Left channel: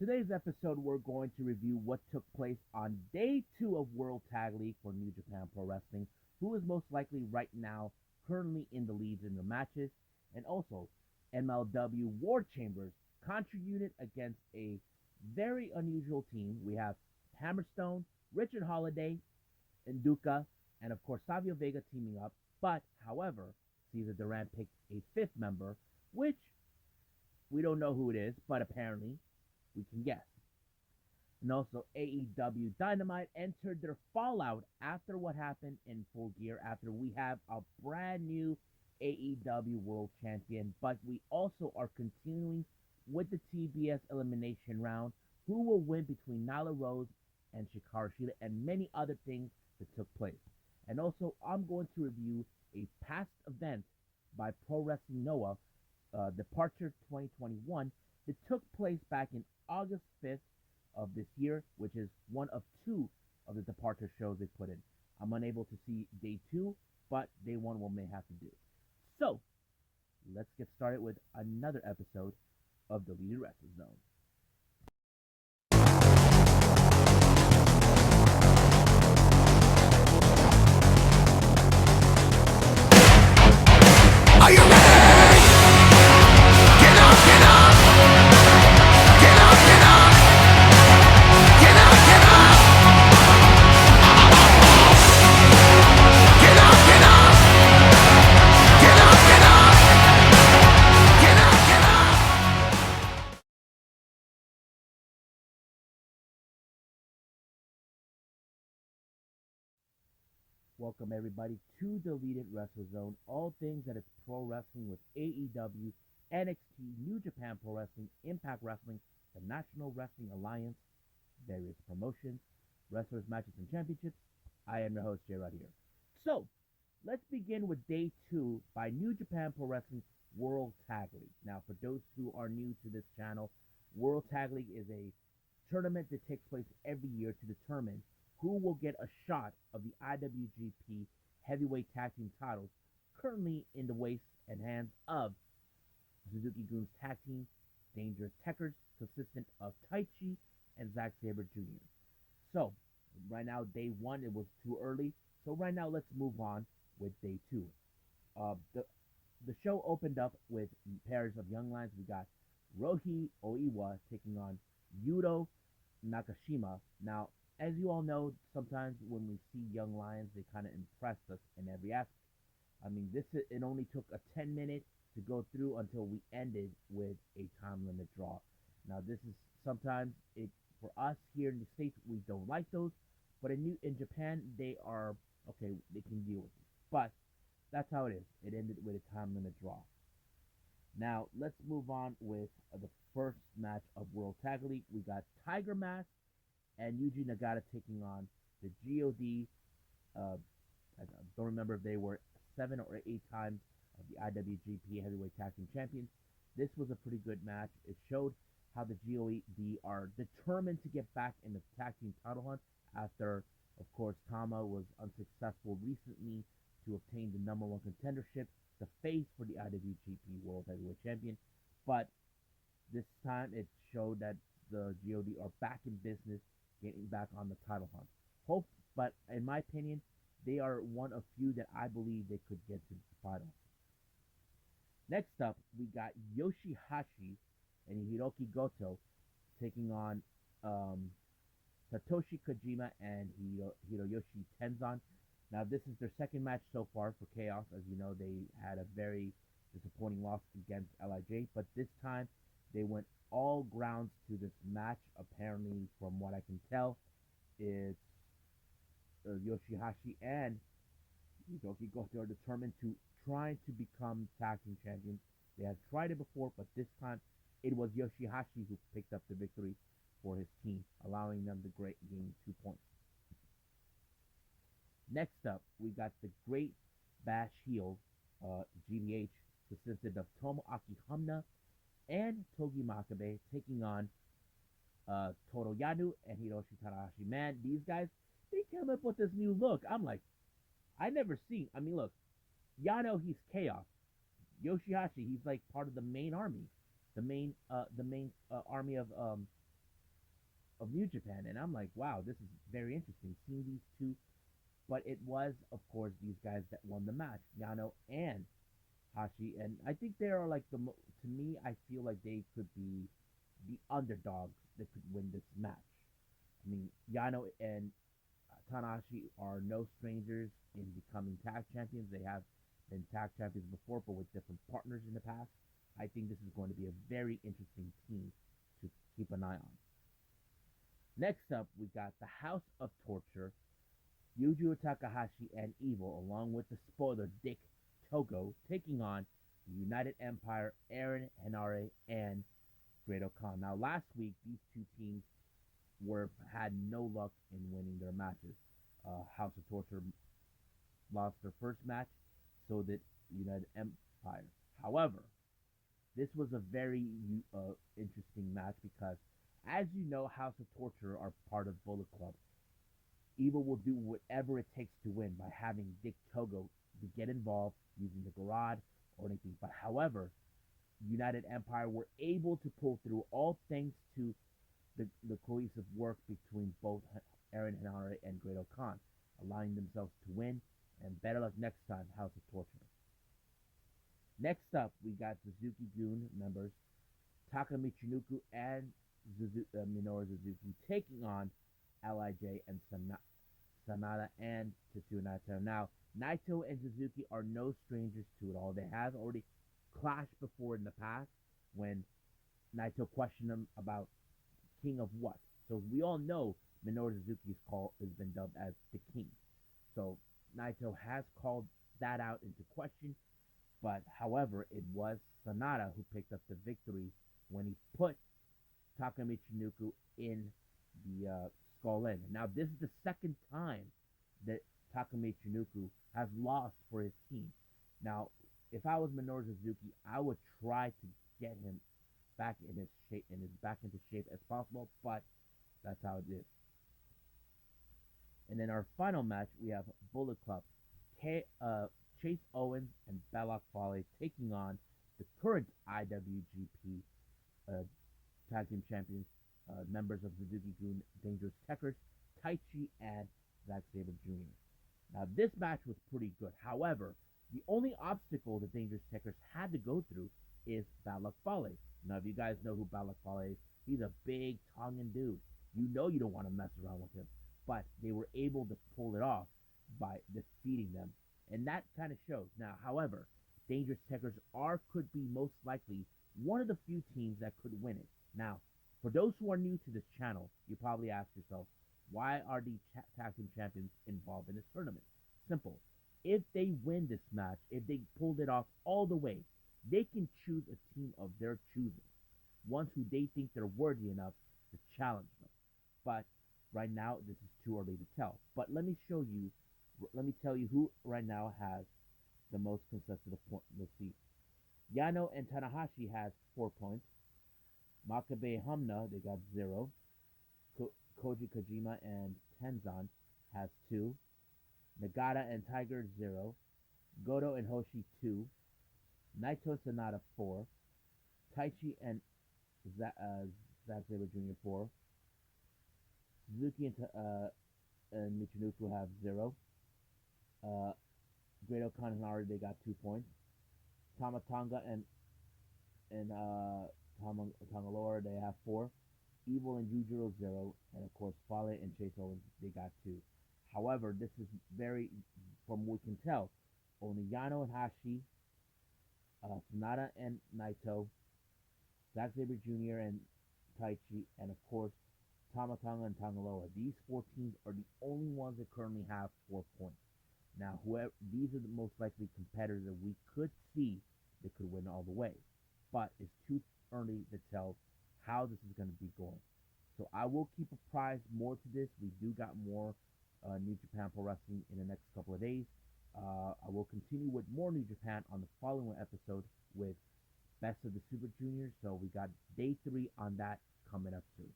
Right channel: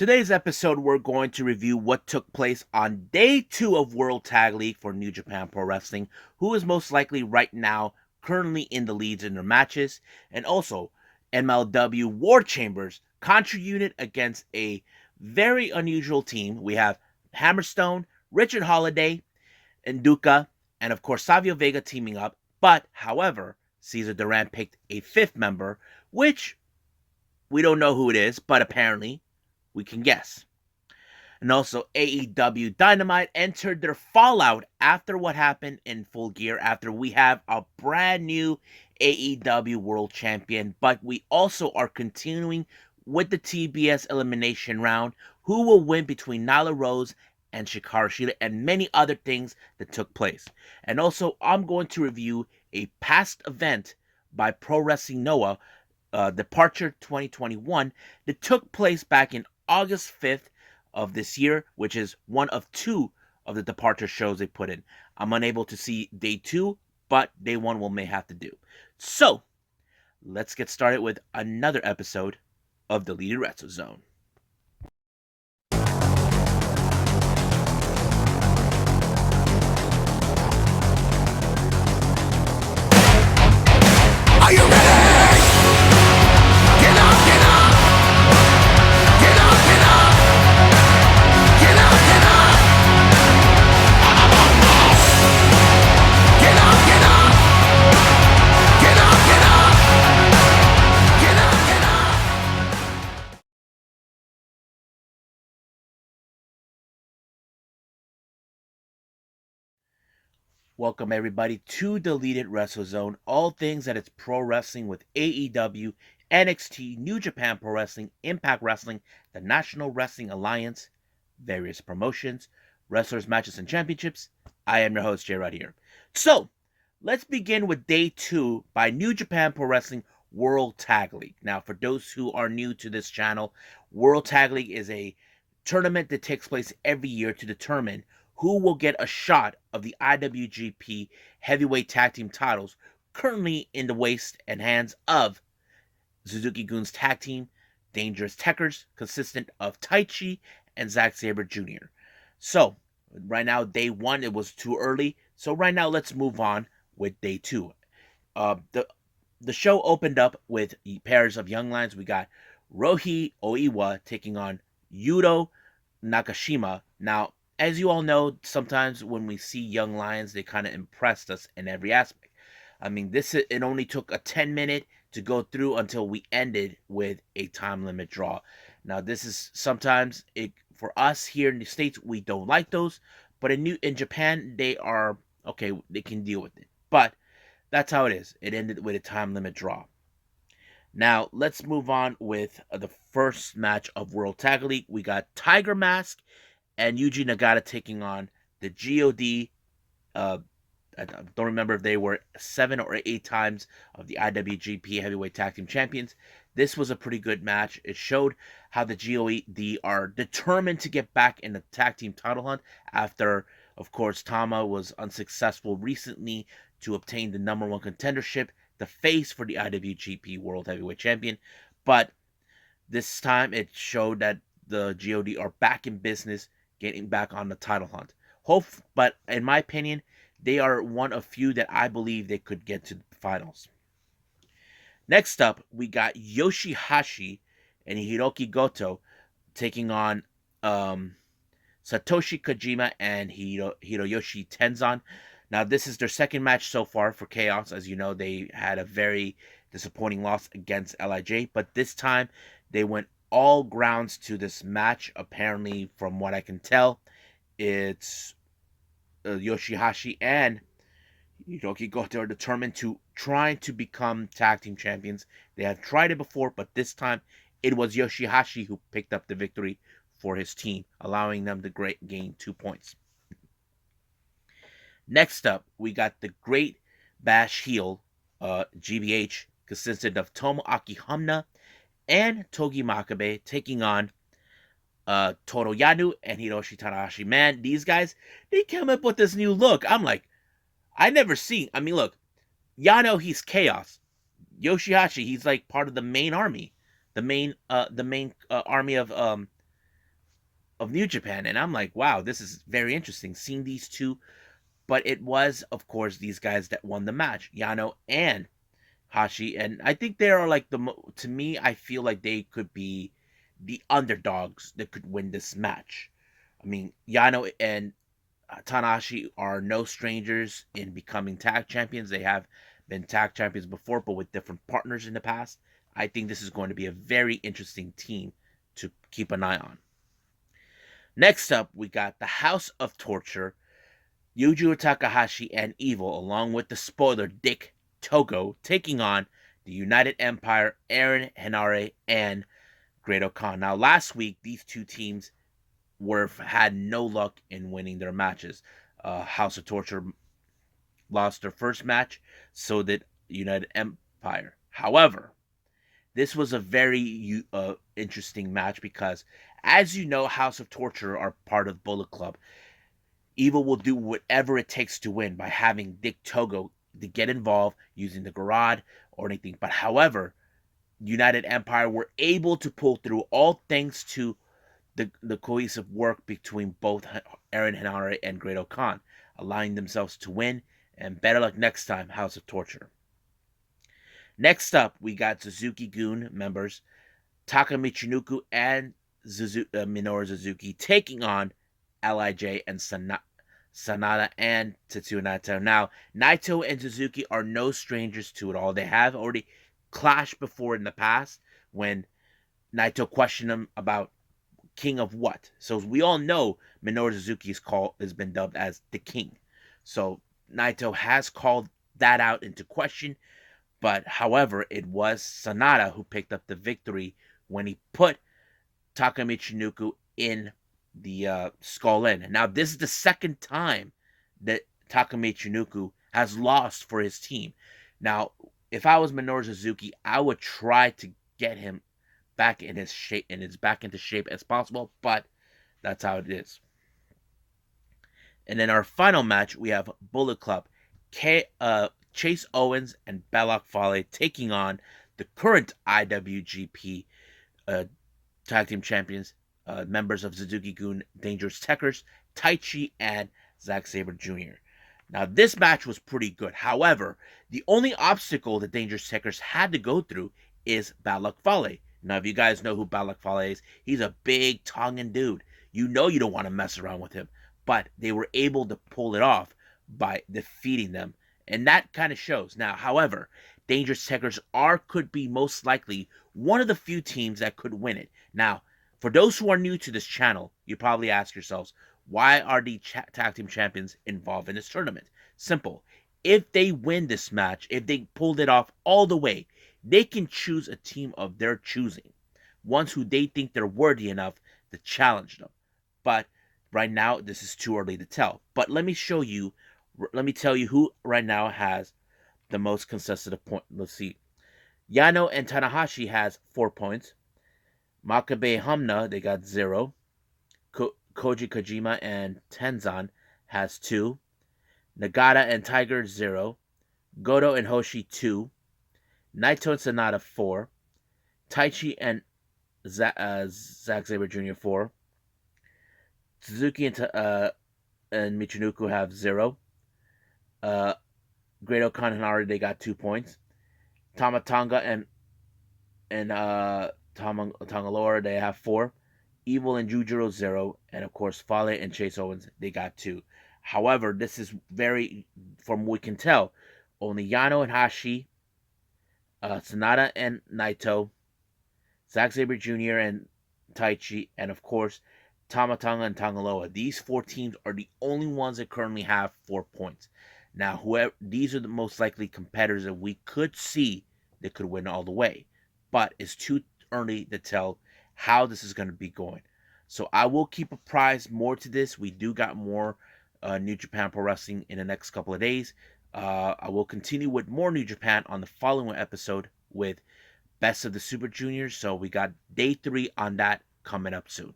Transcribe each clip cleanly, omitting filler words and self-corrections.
Today's episode, we're going to review what took place on day 2 of World Tag League for New Japan Pro Wrestling, who is most likely right now currently in the leads in their matches, and also MLW War Chambers Contra Unit against a very unusual team. We have Hammerstone, Richard Holiday, Nduka, and of course Savio Vega teaming up. But, however, Cesar Duran picked a fifth member, which we don't know who it is, but apparently we can guess. And also, AEW Dynamite entered their Fallout after what happened in Full Gear, after we have a brand new AEW World Champion. But we also are continuing with the TBS elimination round. Who will win between Nyla Rose and Shikara Shida, and many other things that took place. And also, I'm going to review a past event by Pro Wrestling Noah, Departure 2021, that took place back in August 5th of this year, which is one of two of the Departure shows they put in. I'm unable to see day 2, but day 1 will may have to do. So, let's get started with another episode of Deleted Retro Zone. Are you ready? Get up, get up! Get up, get up! Get up, get up! Get up, get up! Get up, get up! Get up, get up! Welcome everybody to Deleted Wrestle Zone. All things that it's pro wrestling with AEW, NXT, New Japan Pro Wrestling, Impact Wrestling, the National Wrestling Alliance, various promotions, wrestlers, matches, and championships. I am your host, Jay right here. So, let's begin with day 2 by New Japan Pro Wrestling World Tag League. Now, for those who are new to this channel, World Tag League is a tournament that takes place every year to determine who will get a shot of the IWGP Heavyweight Tag Team titles, currently in the waist and hands of Suzuki-Gun's tag team, Dangerous Techers, consistent of Taichi and Zack Sabre Jr. So, right now, day 1, it was too early. So right now, let's move on with day 2. The show opened up with pairs of young lions. We got Rohi Oiwa taking on Yuto Nakashima. Now, as you all know, sometimes when we see young lions, they kind of impressed us in every aspect. I mean, it only took a 10-minute to go through until we ended with a time limit draw. Now, this is sometimes for us here in the States, we don't like those, but in Japan, they are okay. They can deal with it. But that's how it is. It ended with a time limit draw. Now, let's move on with the first match of World Tag League. We got Tiger Mask and Yuji Nagata taking on the GOD. I don't remember if they were 7 or 8 times of the IWGP Heavyweight Tag Team Champions. This was a pretty good match. It showed how the GOD are determined to get back in the tag team title hunt after, of course, Tama was unsuccessful recently to obtain the number 1 contendership, the face for the IWGP World Heavyweight Champion. But this time it showed that the GOD are back in business, getting back on the title hunt. But in my opinion, they are one of few that I believe they could get to the finals. Next up, we got Yoshihashi and Hiroki Goto taking on Satoshi Kojima and Hiroyoshi Tenzan. Now, this is their second match so far for Chaos. As you know, they had a very disappointing loss against LIJ, but this time they went all grounds to this match. Apparently, from what I can tell, it's Yoshihashi and Hiroki Goto are determined to try to become tag team champions. They have tried it before, but this time it was Yoshihashi who picked up the victory for his team, allowing them to gain 2 points. Next up, we got the Great Bash Heel, GBH, consisted of Tomoaki Hamna and Togi Makabe taking on Toru Yano and Hiroshi Tanahashi. Man, these guys, they came up with this new look. I'm like, I never seen. I mean, look, Yano, he's chaos. Yoshihashi, he's like part of the main army, the main army of of New Japan, and I'm like, wow, this is very interesting seeing these two. But it was, of course, these guys that won the match, Yano and Hashi, and I think they are like to me, I feel like they could be the underdogs that could win this match. I mean, Yano and Tanahashi are no strangers in becoming tag champions. They have been tag champions before, but with different partners in the past. I think this is going to be a very interesting team to keep an eye on. Next up, we got the House of Torture, Yujiro Takahashi and Evil, along with the spoiler Dick Togo, taking on the United Empire, Aaron Henare, and Great-O-Khan. Now, last week, these two teams had no luck in winning their matches. House of Torture lost their first match, so did United Empire. However, this was a very interesting match because, as you know, House of Torture are part of Bullet Club. Evil will do whatever it takes to win by having Dick Togo to get involved using the garage or anything. But however, United Empire were able to pull through, all thanks to the cohesive work between both Aaron Henare and Great-O-Khan, allowing themselves to win. And better luck next time, House of Torture. Next up, we got Suzuki-gun members Taka Michinoku and Minoru Suzuki taking on LIJ and Sanada and Tetsuya Naito. Now, Naito and Suzuki are no strangers to it all. They have already clashed before in the past when Naito questioned him about King of what. So we all know Minoru Suzuki's call has been dubbed as the King. So Naito has called that out into question. But however, it was Sanada who picked up the victory when he put Taka Michinoku in the Skull Inn. Now, this is the second time that Taka Michinoku has lost for his team. Now, if I was Minoru Suzuki, I would try to get him back in his shape and back into shape as possible, but that's how it is. And then our final match, we have Bullet Club, Chase Owens and Belloc Fale taking on the current IWGP Tag Team Champions, members of Suzuki-gun, Dangerous Tekkers, Taichi, and Zack Sabre Jr. Now, this match was pretty good. However, the only obstacle the Dangerous Tekkers had to go through is Belloc Fale. Now, if you guys know who Belloc Fale is, he's a big Tongan dude. You know you don't want to mess around with him. But they were able to pull it off by defeating them. And that kind of shows. Now, however, Dangerous Tekkers could be most likely one of the few teams that could win it. Now, for those who are new to this channel, you probably ask yourselves, why are the tag team champions involved in this tournament? Simple. If they win this match, if they pulled it off all the way, they can choose a team of their choosing. Ones who they think they're worthy enough to challenge them. But right now, this is too early to tell. But let me tell you who right now has the most consecutive point. Let's see. Yano and Tanahashi has 4 points. Makabe Hamna, they got 0. Koji Kojima and Tenzan has 2. Nagata and Tiger 0. Goto and Hoshi 2. Naito and Sanada 4. Taichi and Zack Sabre Jr. 4. Suzuki and Michinoku have 0. Great-O-Khan and Henare, they got 2 points. Tama Tonga and Tongalora, they have 4. Evil and Jujiro 0. And of course, Fale and Chase Owens, they got 2. However, this is from what we can tell, only Yano and Hashi, Sanada and Naito, Zack Sabre Jr. and Taichi, and of course, Tama Tonga and Tangaloa. These 4 teams are the only ones that currently have 4 points. Now, these are the most likely competitors that we could see that could win all the way. But it's too early to tell how this is going to be going. So I will keep apprised more to this. We do got more New Japan Pro Wrestling in the next couple of days. I will continue with more New Japan on the following episode with Best of the Super Juniors. So we got day 3 on that coming up soon.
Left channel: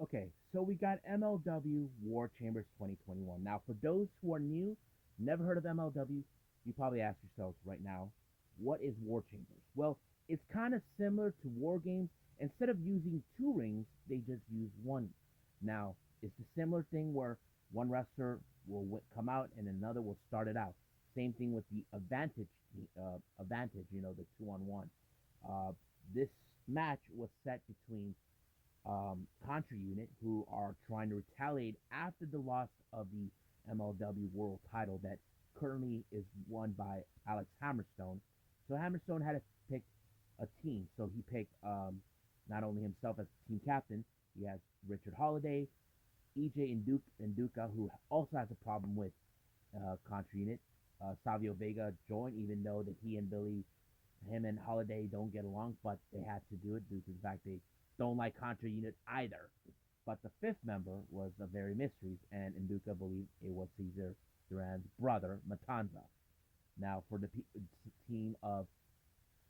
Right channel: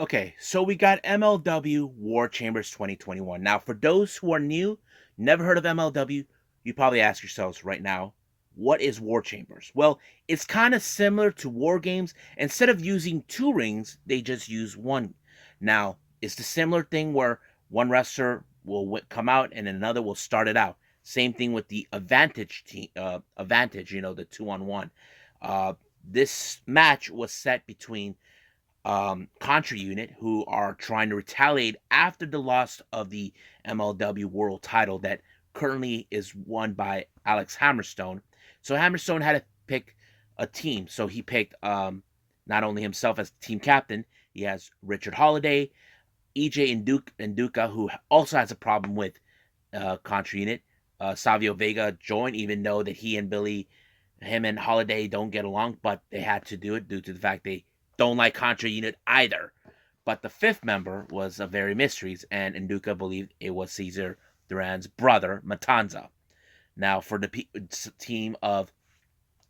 Okay, so we got MLW War Chambers 2021. Now, for those who are new, never heard of MLW, you probably ask yourselves right now, what is War Chambers? Well, it's kind of similar to War Games. Instead of using two rings, they just use one. Now, it's the similar thing where one wrestler will come out and another will start it out. Same thing with the Advantage team, Advantage, the 2-on-1. Uh, this match was set between Contra Unit, who are trying to retaliate after the loss of the MLW World Title that currently is won by Alex Hammerstone. So Hammerstone had to pick a team. So he picked not only himself as team captain, he has Richard Holiday, EJ Nduka, who also has a problem with Contra Unit. Savio Vega joined, even though that him and Holiday don't get along, but they had to do it due to the fact they don't like Contra Unit either. But the fifth member was a very mysteries, and Nduka believed it was Cesar Duran's brother, Matanza. Now, for the team of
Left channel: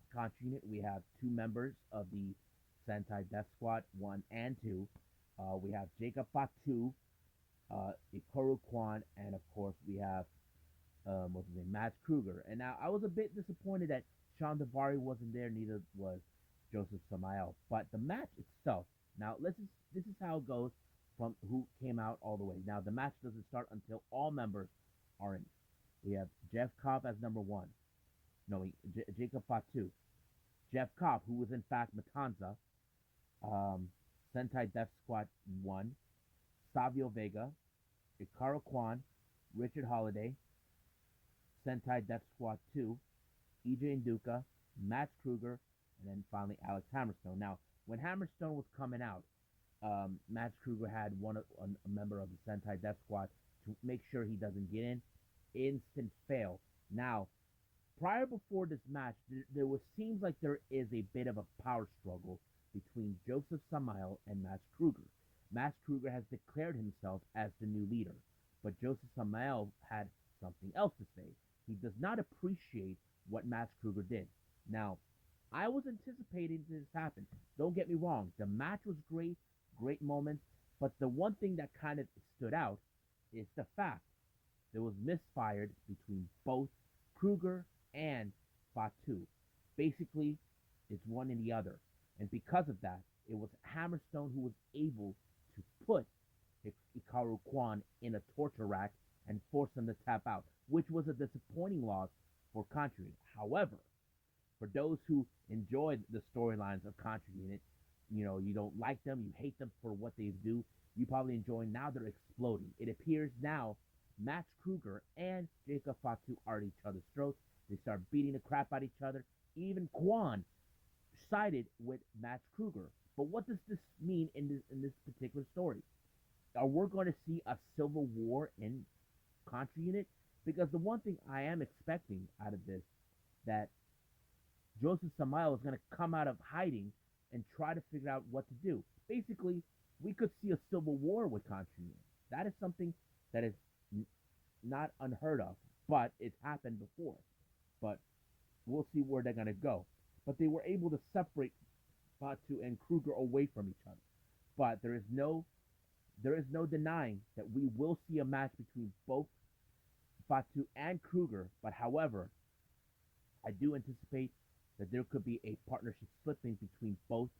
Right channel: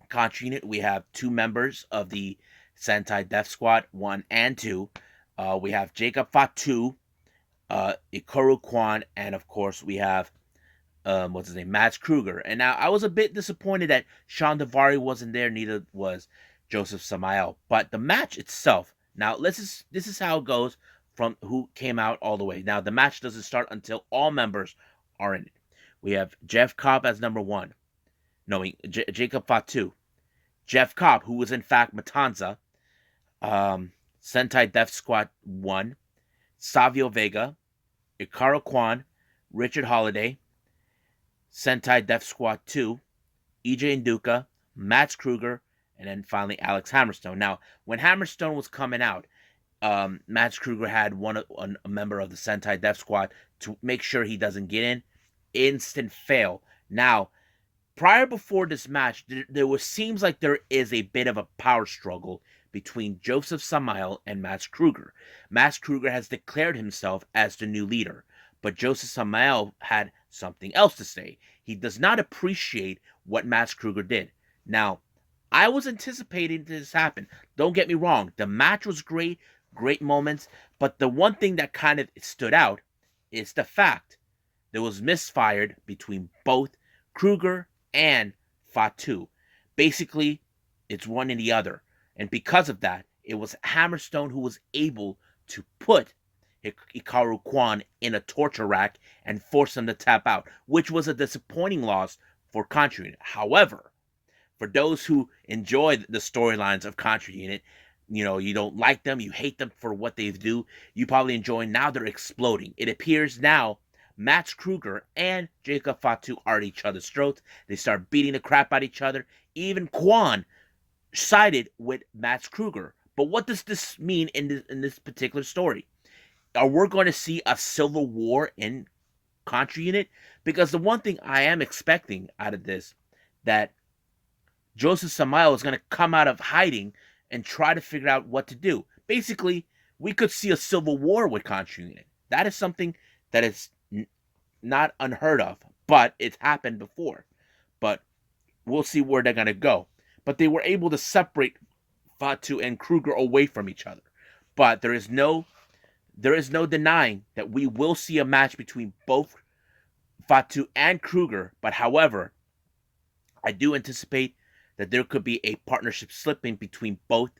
Contra Unit, we have two members of the Sentai Death Squad, 1 and 2. We have Jacob Fatu, Ikaru Kwan, and of course we have what's his name, Mads Kruger. And now I was a bit disappointed that Sean Davari wasn't there, neither was Joseph Samael. But the match itself, now this is how it goes from who came out all the way. Now the match doesn't start until all members are in it. We have Jeff Cobb as number one, knowing Jacob Fatu, Jeff Cobb, who was in fact Matanza, Sentai Death Squad 1, Savio Vega, Ikaru Kwan, Richard Holiday, Sentai Death Squad 2, EJ Nduka, Max Kruger, and then finally Alex Hammerstone. Now, when Hammerstone was coming out, Max Kruger had a member of the Sentai Death Squad to make sure he doesn't get in. Instant fail. Now, before this match, seems like there is a bit of a power struggle between Joseph Samael and Max Kruger. Max Kruger has declared himself as the new leader, but Joseph Samael had something else to say. He does not appreciate what Max Kruger did. Now, I was anticipating this happen. Don't get me wrong. The match was great, great moments, but the one thing that kind of stood out is the fact there was misfired between both Kruger and Fatu. Basically, it's one and the other. And because of that, it was Hammerstone who was able to put Ikaru Kwan in a torture rack and force him to tap out, which was a disappointing loss for Contra Unit. However, for those who enjoy the storylines of Contra Unit, you don't like them, you hate them for what they do, you probably enjoy. Now they're exploding. It appears now Max Kruger and Jacob Fatu are at each other's throats. They start beating the crap out of each other. Even Kwan sided with Max Kruger. But what does this mean in this particular story? Are we going to see a civil war in Contra Unit? Because the one thing I am expecting out of this, that Joseph Samael is going to come out of hiding and try to figure out what to do. Basically, we could see a civil war with Contra Unit. That is something that is not unheard of, but it's happened before. But we'll see where they're going to go. But they were able to separate Fatu and Kruger away from each other. But there is no denying that we will see a match between both Fatu and Kruger. But however, I do anticipate that there could be a partnership slipping between both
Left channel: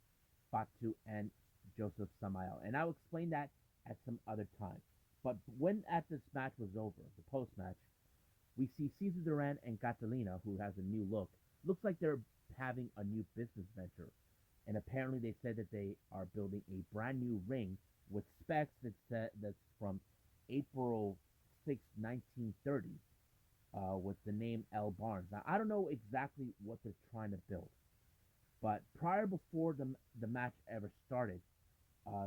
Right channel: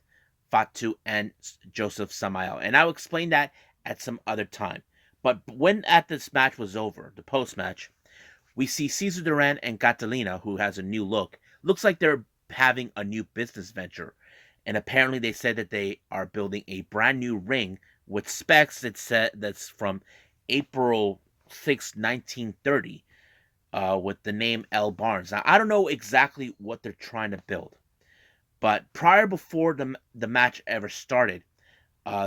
Fatu and Joseph Samael. And I'll explain that at some other time. But when this match was over, the post-match, we see Cesar Duran and Catalina, who has a new look. Looks like they're having a new business venture. And apparently they said that they are building a brand new ring with specs that's from April 6, 1930, with the name L. Barnes. Now, I don't know exactly what they're trying to build, but before the match ever started,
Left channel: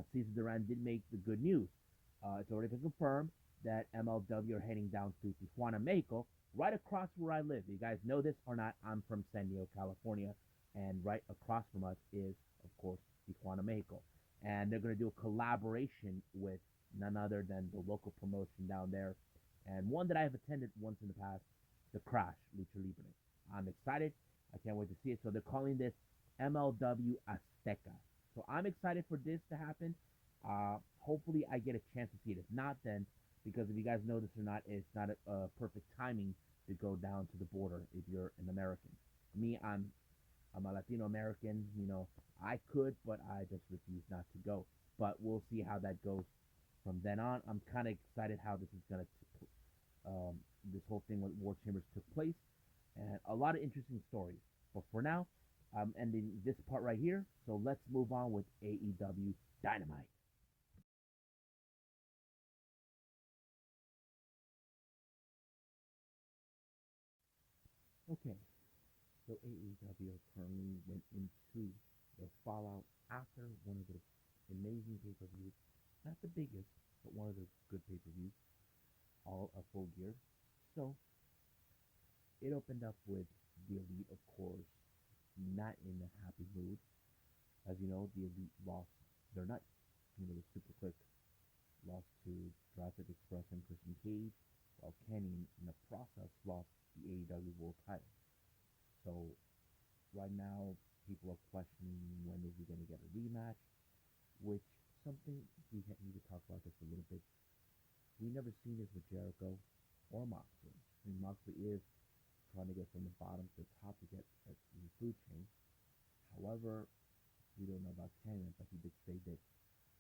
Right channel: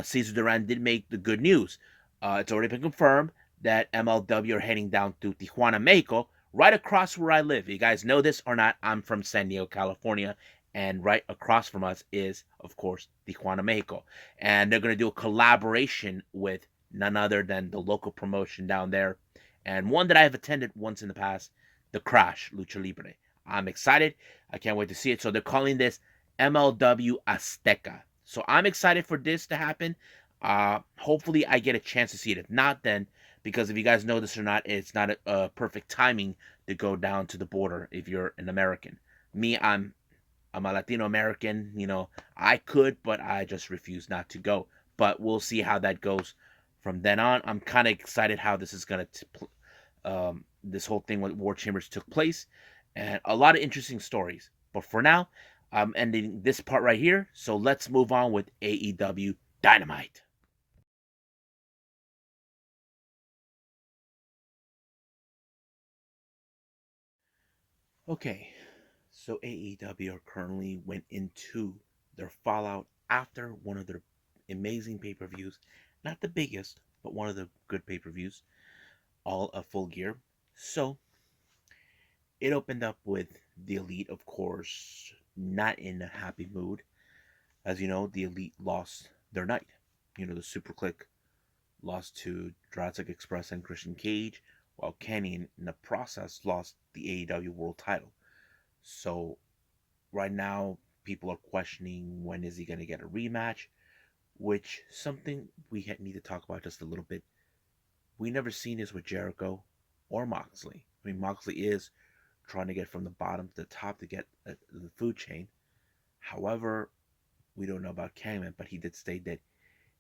Cesar Duran did make the good news. It's already been confirmed that MLW are heading down to Tijuana, Mexico, right across where I live. You guys know this or not, I'm from San Diego, California, and right across from us is, of course, Tijuana, Mexico. And they're going to do a collaboration with none other than the local promotion down there, and one that I have attended once in the past, The Crash, Lucha Libre. I'm excited. I can't wait to see it. So they're calling this MLW Azteca. So I'm excited for this to happen. Hopefully I get a chance to see it. If not, then, because if you guys know this or not, it's not a perfect timing to go down to the border if you're an American. Me, I'm a Latino American. I could, but I just refuse not to go. But we'll see how that goes from then on. I'm kind of excited how this is gonna this whole thing with War Chambers took place, and a lot of interesting stories. But for now, I'm ending this part right here. So let's move on with AEW Dynamite. Okay, so AEW currently went into their Fallout after one of their amazing pay per views. Not the biggest, but one of the good pay per views, all a full gear. So it opened up with the Elite, of course, not in a happy mood. As you know, the Elite lost their night. The Super Click lost to Jurassic Express and Christian Cage, while Kenny, in the process, lost the AEW World Title. So right now, people are questioning when is he going to get a rematch, which something we need to talk about just a little bit. We never seen this with Jericho or Moxley. I mean, Moxley is trying to get from the bottom to the top to get the food chain. However, we don't know about Kangman, but he did state that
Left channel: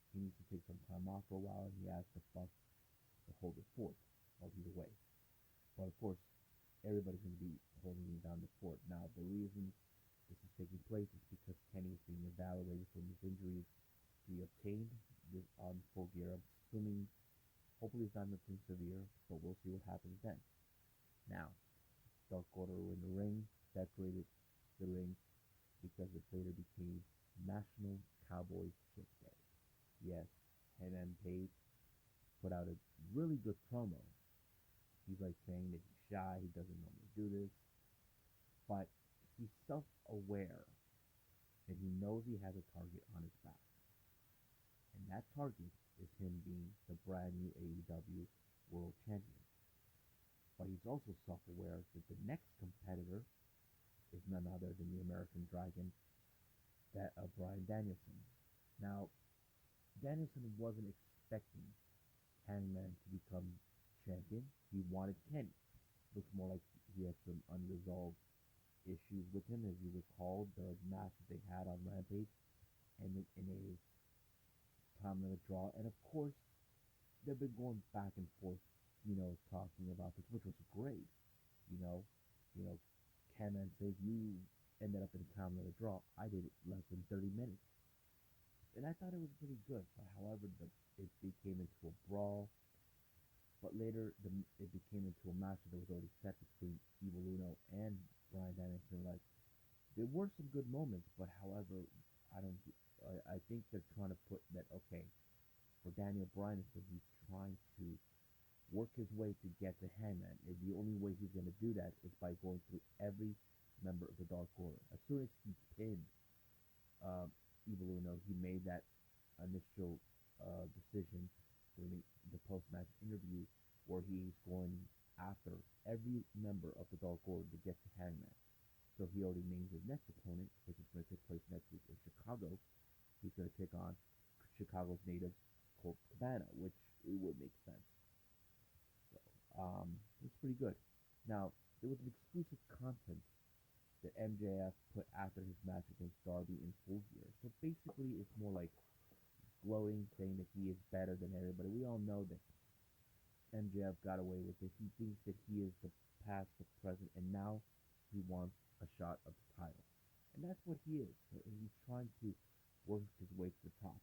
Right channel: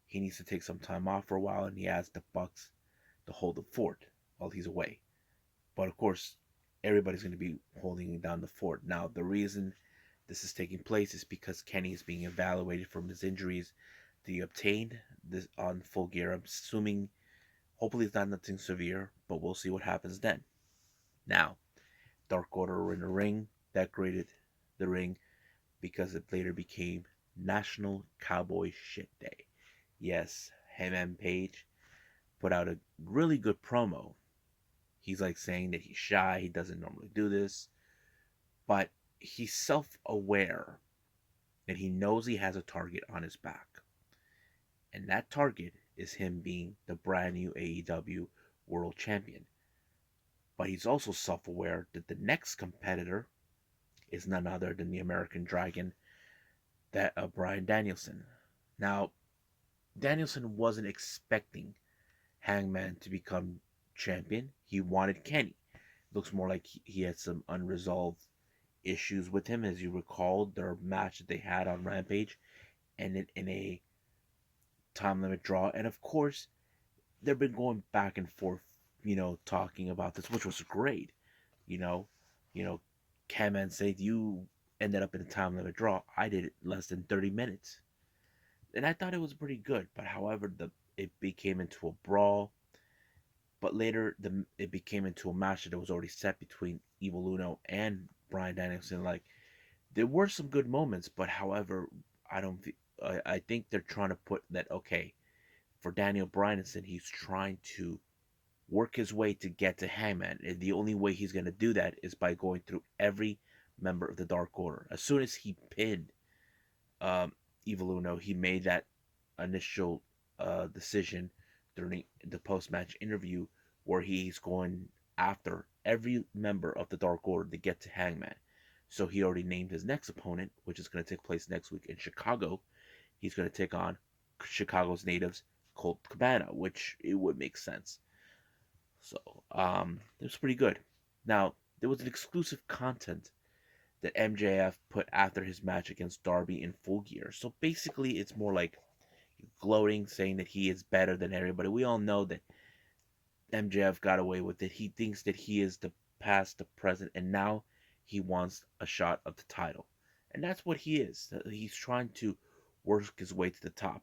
he needs to take some time off for a while, and he asked the Bucks to hold the fort while he's away. But of course, everybody's going to be holding down the fort. Now, the reason this is taking place is because Kenny is being evaluated from his injuries that he obtained this on Full Gear. I'm assuming, hopefully, it's not nothing severe, but we'll see what happens then. Now, Dark Order were in the ring, decorated the ring because it later became National Cowboy Shit Day. Yes, Hangman Page put out a really good promo. He's like saying that he's shy, he doesn't normally do this, but he's self aware that he knows he has a target on his back. And that target is him being the brand new AEW World Champion. But he's also self aware that the next competitor is none other than the American Dragon, that Bryan Danielson. Now, Danielson wasn't expecting Hangman to become champion. He wanted Kenny. Looks more like he had some unresolved issues with him, as you recall their match that they had on Rampage, and in a time limit draw. And of course, they've been going back and forth, talking about this, which was great. You know, you know, Hangman said you ended up in a time limit draw. I did it less than 30 minutes, and I thought it was pretty good. But however, the it became into a brawl. But later, it became into a match that was already set between Evil Uno and Bryan Danielson. Like, there were some good moments, but however, I don't. I think they're trying to put that, okay, for Daniel Bryanson, he's trying to work his way to get to Hangman. And the only way he's going to do that is by going through every member of the Dark Order. As soon as he pinned um, Evil Uno, he made that initial decision during the post match interview where he's going after every member of the Dark Order to get to Hangman. So he already named his next opponent, which is going to take place next week in Chicago. He's going to take on Chicago's natives, Colt Cabana, which it would make sense. So it was pretty good. Now, there was an exclusive content that MJF put after his match against Darby in Full Gear. So basically, it's more like gloating, saying that he is better than everybody. We all know that MJF got away with it. He thinks that he is the past, the present, and now he wants a shot of the title. And that's what he is. He's trying to work his way to the top.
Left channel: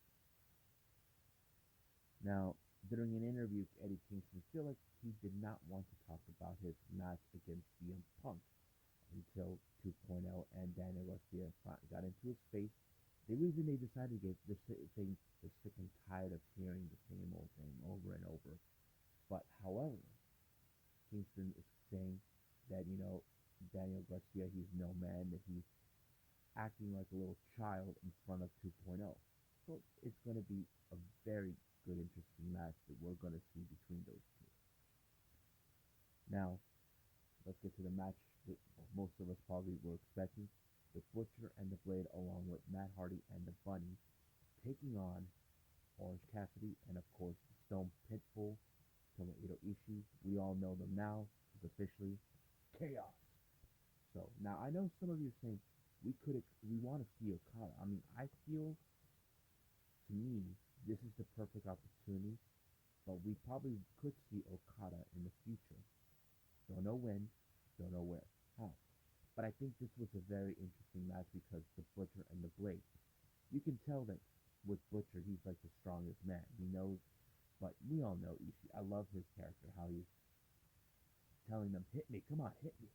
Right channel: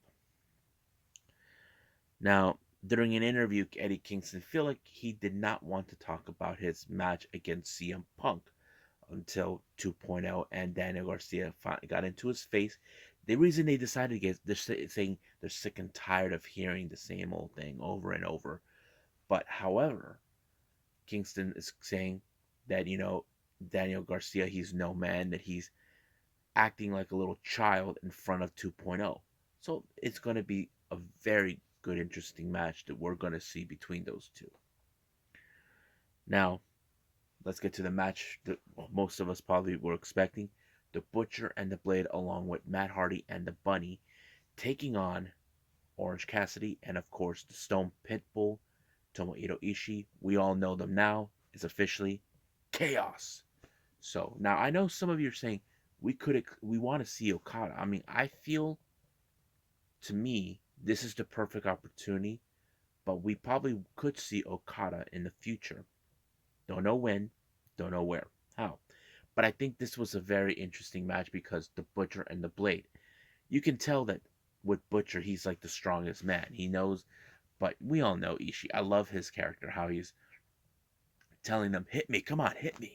Now, during an interview, Eddie Kingston felt like he did not want to talk about his match against CM Punk until 2.0 and Daniel Garcia got into his face. The reason they decided to get, they're saying they're sick and tired of hearing the same old thing over and over. But however, Kingston is saying that, Daniel Garcia, he's no man, that he's acting like a little child in front of 2.0. So it's going to be a very good, interesting match that we're going to see between those two. Now, let's get to the match that most of us probably were expecting. The Butcher and the Blade, along with Matt Hardy and the Bunny, taking on Orange Cassidy and, of course, the Stone Pitbull, Tomohiro Ishii. We all know them now. Is officially Chaos. So now I know some of you are saying we want to see Okada. I mean, I feel to me this is the perfect opportunity, but we probably could see Okada in the future. Don't know when, don't know where, how. But I think this was a very interesting match because the Butcher and the Blade. You can tell that with Butcher, he's like the strongest man. He knows, but we all know Ishii. I love his character, how he's telling them, hit me, come on, hit me.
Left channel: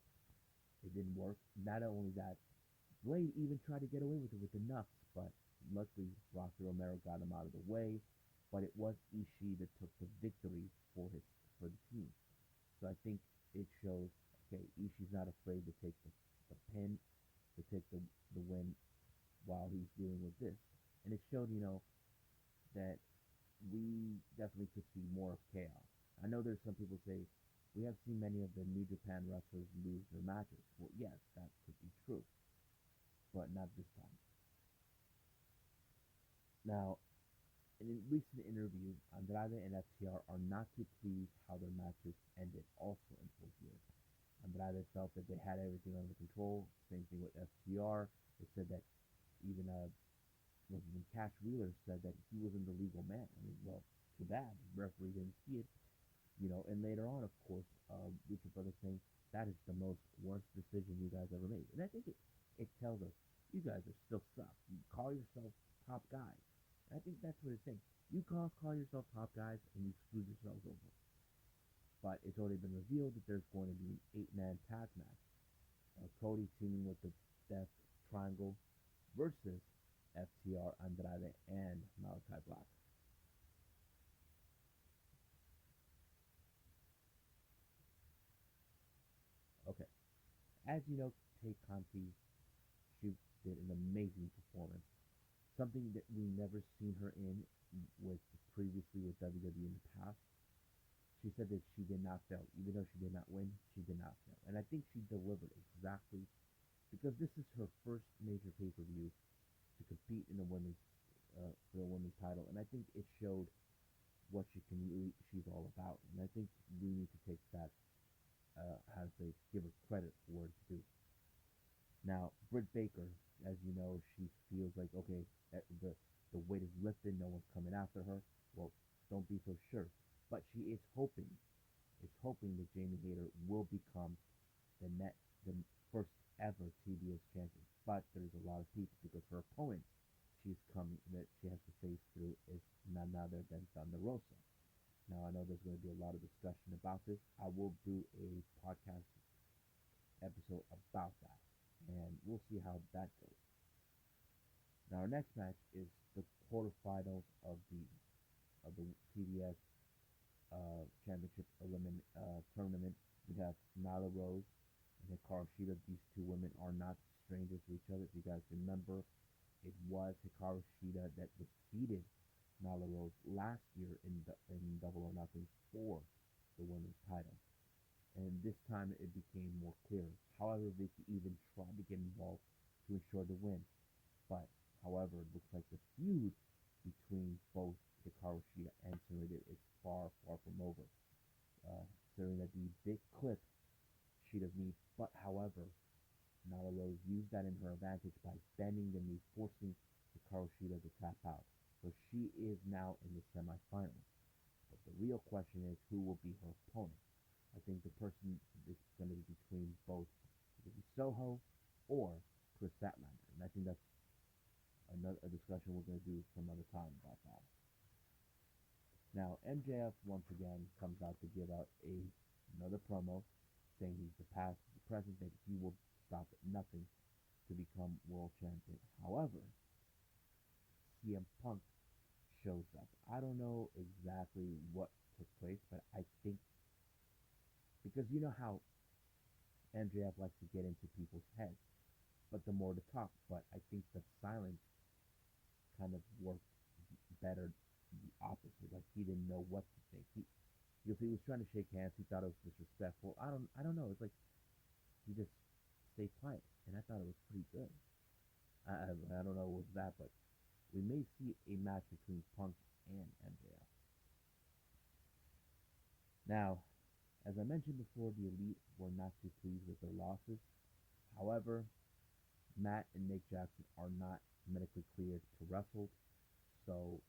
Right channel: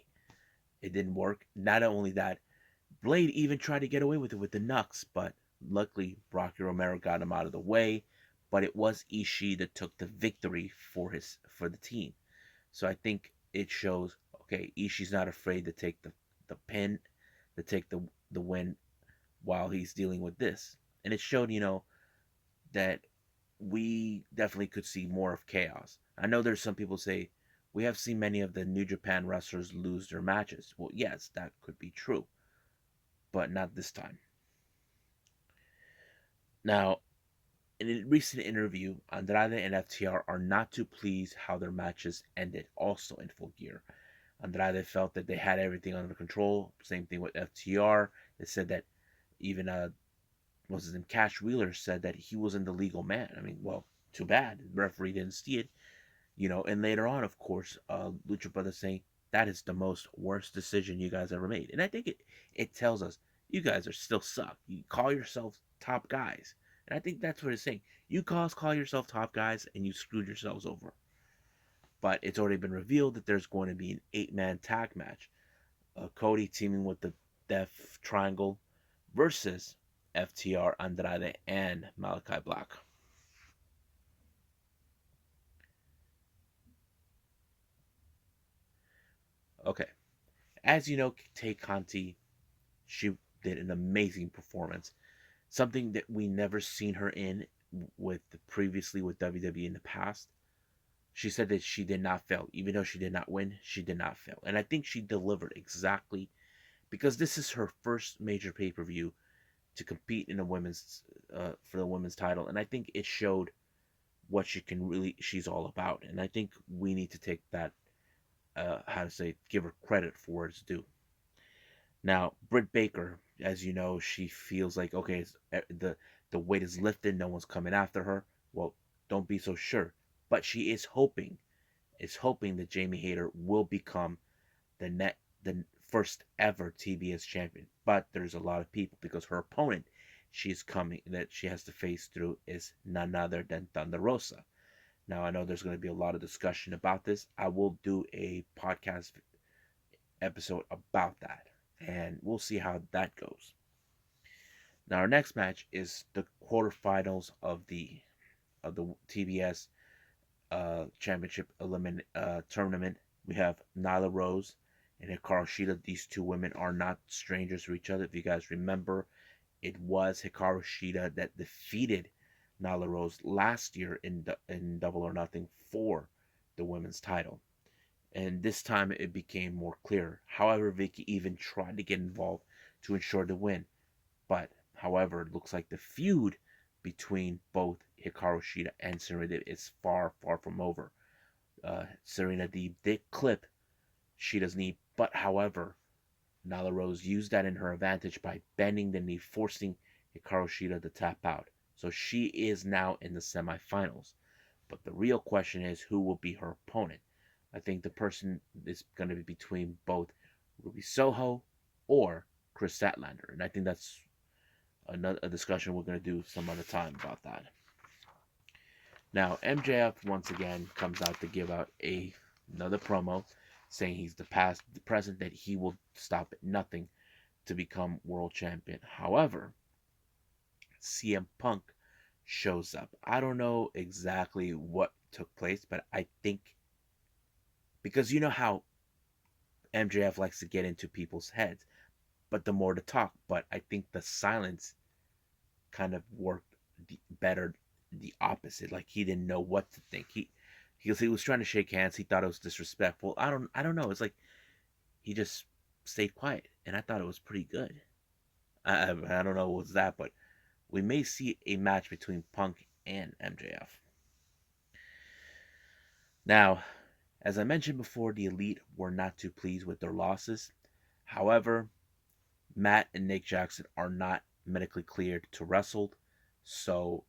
It didn't work. Not only that, Blade even tried to get away with it with the Nux, but luckily Rocky Romero got him out of the way. But it was Ishii that took the victory for the team. So I think it shows okay, Ishii's not afraid to take the pin, to take the win while he's dealing with this. And it showed, that we definitely could see more of chaos. I know there's some people say we have seen many of the New Japan wrestlers lose their matches. Well, yes, that could be true, but not this time. Now, in a recent interview, Andrade and FTR are not too pleased how their matches ended, also in Full Gear. Andrade felt that they had everything under control. Same thing with FTR. They said that even what's his name, Cash Wheeler said that he wasn't the legal man. I mean, well, too bad. The referee didn't see it, And later on, of course, Lucha Brothers saying that is the most worst decision you guys ever made, and I think it tells us you guys are still suck. You call yourselves top guys, and I think that's what it's saying. You guys call yourself top guys, and you screwed yourselves over. But it's already been revealed that there's going to be an 8-man tag match. Cody teaming with the Death Triangle versus FTR, Andrade, and Malachi Black. Okay, as you know, Tay Conti, she did an amazing performance. Something that we never seen her in with previously with WWE in the past. She said that she did not fail, even though she did not win. She did not fail, and I think she delivered exactly because this is her first major pay per view to compete in the women's for the women's title, and I think it showed what she's all about, and I think we need to take that how to say give her credit for what it's due. Now, Britt Baker, as you know, she feels like okay, the weight is lifted, no one's coming after her. Well, don't be so sure, but she is hoping that Jamie Hayter will become the first ever TBS champion. But there's a lot of people because her opponent she's coming that she has to face through is none other than Thunder Rosa. Now I know there's going to be a lot of discussion about this. I will do a podcast episode about that, and we'll see how that goes. Now our next match is the quarterfinals of the TBS championship tournament. We have Nyla Rose and Hikaru Shida. These two women are not strangers to each other. If you guys remember, it was Hikaru Shida that defeated Nyla Rose last year in Double or Nothing for the women's title. And this time it became more clear. However, Vicky even tried to get involved to ensure the win. But, however, it looks like the feud between both Hikaru Shida and Serena is far, far from over. Serena Deeb did clip Shida's knee, but however, Nyla Rose used that in her advantage by bending the knee, forcing Hikaru Shida to tap out. So she is now in the semifinals. But the real question is who will be her opponent? I think the person is going to be between both Ruby Soho or Chris Statlander. And I think that's a discussion we're going to do some other time about that. Now, MJF once again comes out to give out another promo saying he's the past, the present, that he will stop at nothing to become world champion. However, CM Punk shows up. I don't know exactly what took place, but I think because you know how MJF likes to get into people's heads, but the more to talk, but I think the silence kind of worked better the opposite. Like he didn't know what to think. He was trying to shake hands. He thought it was disrespectful. I don't know. It's like he just stayed quiet, and I thought it was pretty good. I don't know what was that, but we may see a match between Punk and MJF. Now, as I mentioned before, the Elite were not too pleased with their losses. However, Matt and Nick Jackson are not medically cleared to wrestle, so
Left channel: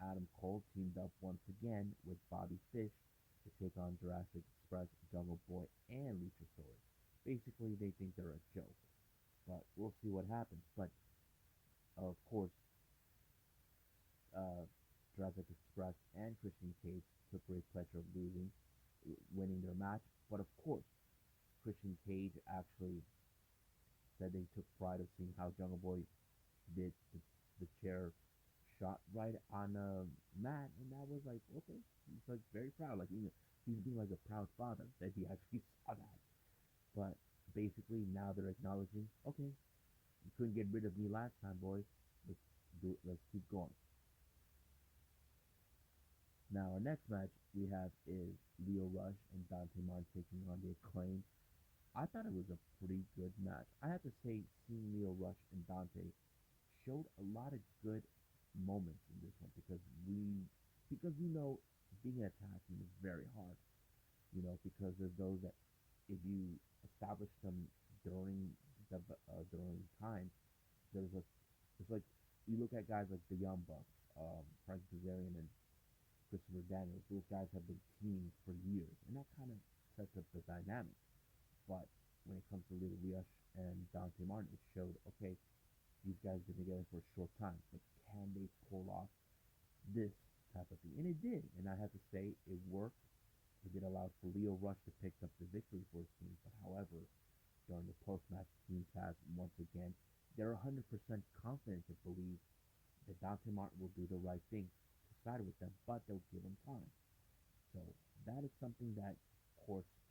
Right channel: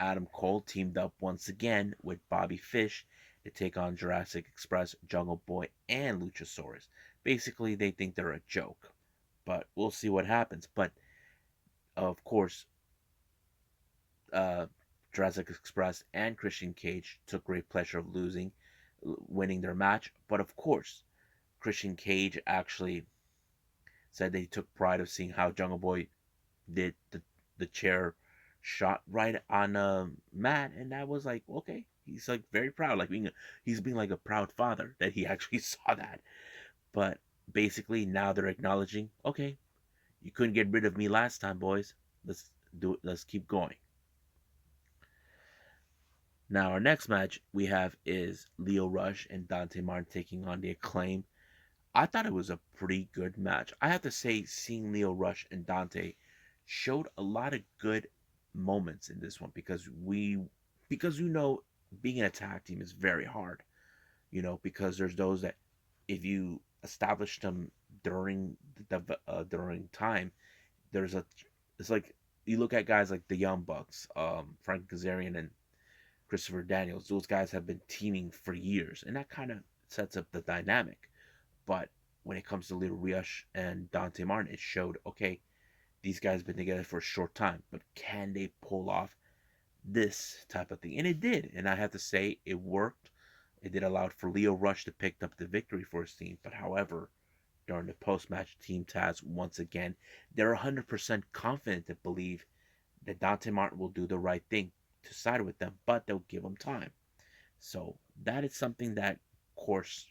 Adam Cole teamed up once again with Bobby Fish to take on Jurassic Express, Jungle Boy, and Luchasaurus. Basically, they think they're a joke, but we'll see what happens. But of course, uh, Jurassic Express and Christian Cage took great pleasure of winning their match. But of course, Christian Cage actually said they took pride of seeing how Jungle Boy did the chair shot right on Matt, and that was like okay. He's like very proud, like he's being like a proud father that he actually saw that. But basically now they're acknowledging, okay, you couldn't get rid of me last time, boys. Let's do it. Let's keep going. Now our next match we have is Leo Rush and Dante Martin taking on the Acclaim. I thought it was a pretty good match. I have to say, seeing Leo Rush and Dante showed a lot of good moments in this one because being in a tag team is very hard. Because there's those that if you establish them during time, there's a it's like you look at guys like the Young Bucks, Frank Kazarian and Christopher Daniels. Those guys have been teaming for years, and that kind of sets up the dynamic. But when it comes to Little Rush and Dante Martin, it showed okay, these guys have been together for a short time, but can they pull off this type of thing? And it did, and I have to say it worked. It did allow for Leo Rush to pick up the victory for his team, but however, during the post-match team Taz once again, they're 100% confident to believe that Dante Martin will do the right thing to side with them, but they'll give him time. So that is something that, of course,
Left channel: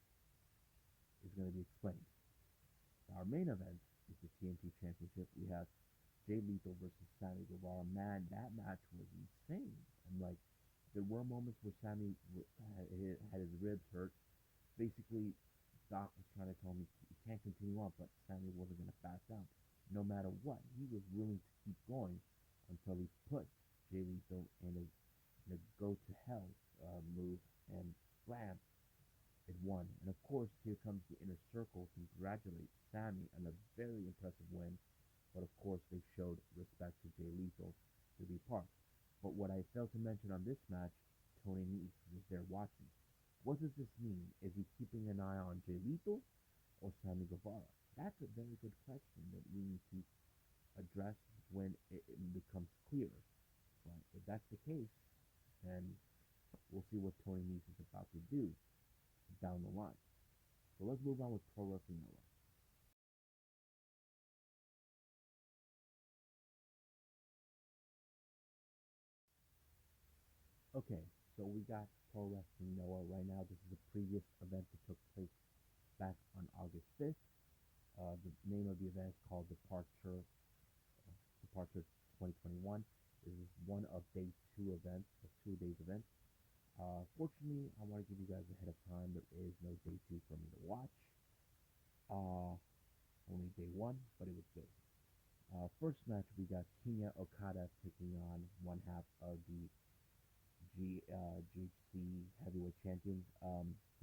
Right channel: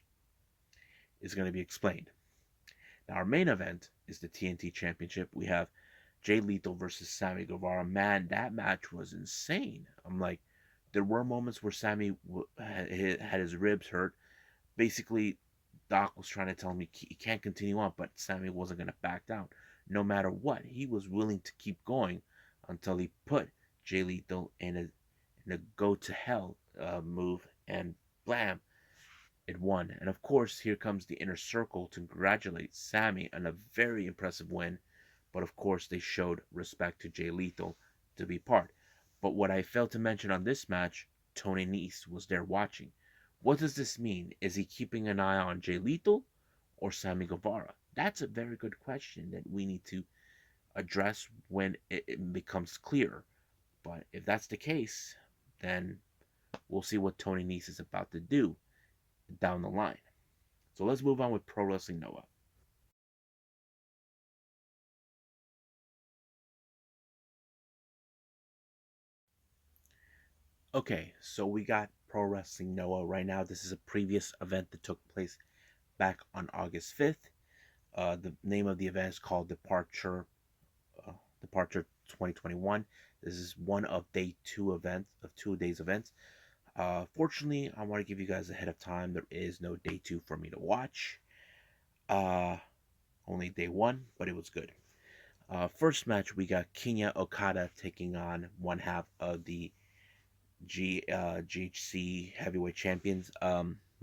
is going to be explained. Now, our main event is the TNT Championship. We have Jay Lethal versus Sammy Guevara. Man, that match was insane. I'm like, there were moments where Sammy had his ribs hurt. Basically, Doc was trying to tell him he can't continue on, but Sammy wasn't going to back down. No matter what, he was willing to keep going until he put Jay Lethal in a go to hell move, and blam, it won. And of course, here comes the inner circle to congratulate Sammy on a very impressive win. But of course, they showed respect to Jay Lethal to be part. But what I failed to mention on this match, Tony Nese was there watching. What does this mean? Is he keeping an eye on Jay Lethal or Sammy Guevara? That's a very good question that we need to address when it becomes clear. But if that's the case, then we'll see what Tony Nese is about to do down the line. So let's move on with Pro Wrestling Noah. Okay, so we got Pro Wrestling Noah right now. This is a previous event that took place back on August 5th. The name of the event is called Departure 2021. This is one of two days events. Fortunately, I want to give you guys ahead of time. There is no day two for me to watch. Uh, Only day one, but it was good. First match, we got Kinya Okada taking on one half of the GHC heavyweight champions,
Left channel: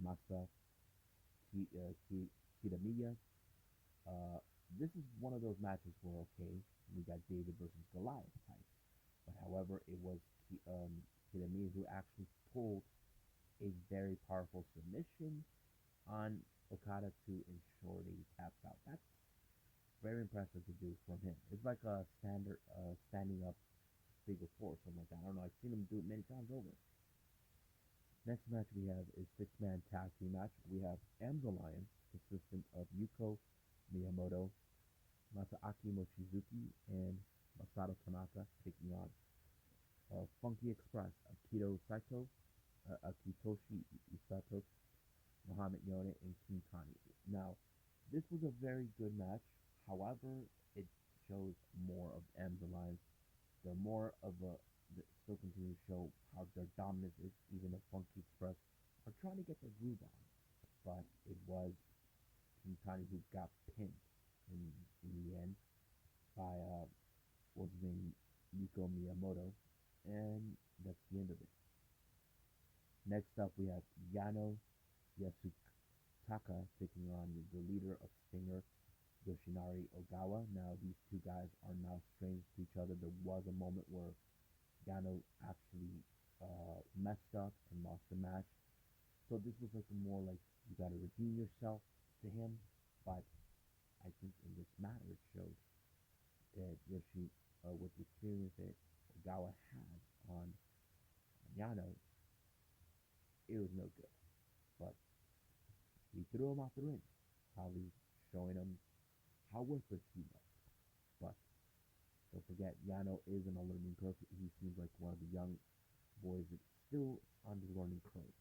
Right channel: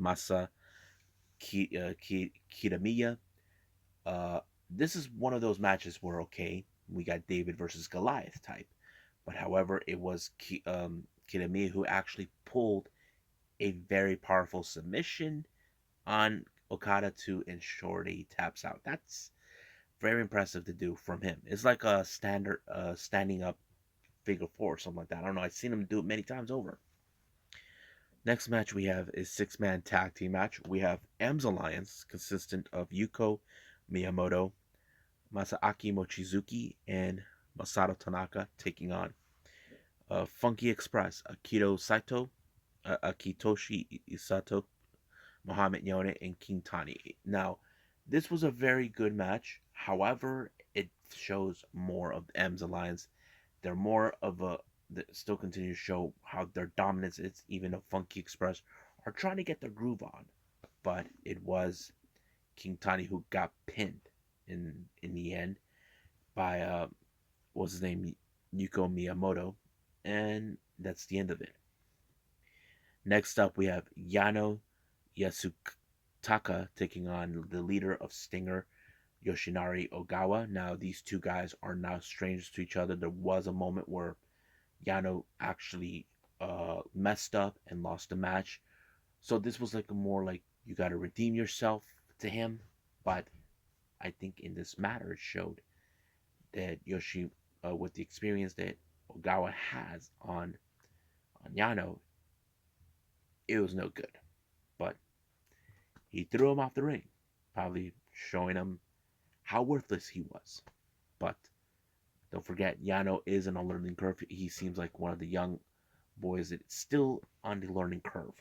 Masa Kitamiya. Uh, this is one of those matches where, okay, we got David versus Goliath type. But however, it was Kitamiya who actually pulled a very powerful submission on Okada to ensure that he taps out. That's very impressive to do from him. It's like a standard standing up figure four or something like that. I don't know. I've seen him do it many times over. Next match we have is six-man tag team match. We have M's Alliance, consistent of Yuko Miyamoto, Masaaki Mochizuki, and Masato Tanaka, taking on Funky Express, Akitoshi Isato, Muhammad Yone, and King Tani. Now, this was a very good match. However, it shows more of M's Alliance. They're more of a that still continue to show how their dominance is, even though Funky Express are trying to get their groove on. But it was King Tani who got pinned in the end by what's his name, Yuko Miyamoto, and that's the end of it. Next up, we have Yano Yasutaka taking on the leader of Stinger, Yoshinari Ogawa. Now, these two guys are now strangers to each other. There was a moment where Yano actually messed up and lost the match. So this was like a more like you got to redeem yourself to him. But I think in this matter, it showed that with the experience that Ogawa has on Yano, it was no good. But he threw him off the ring, probably showing him how worthless he was. But don't forget, Yano is on a learning curve. He seems like one of the young boys that's still on the learning curve.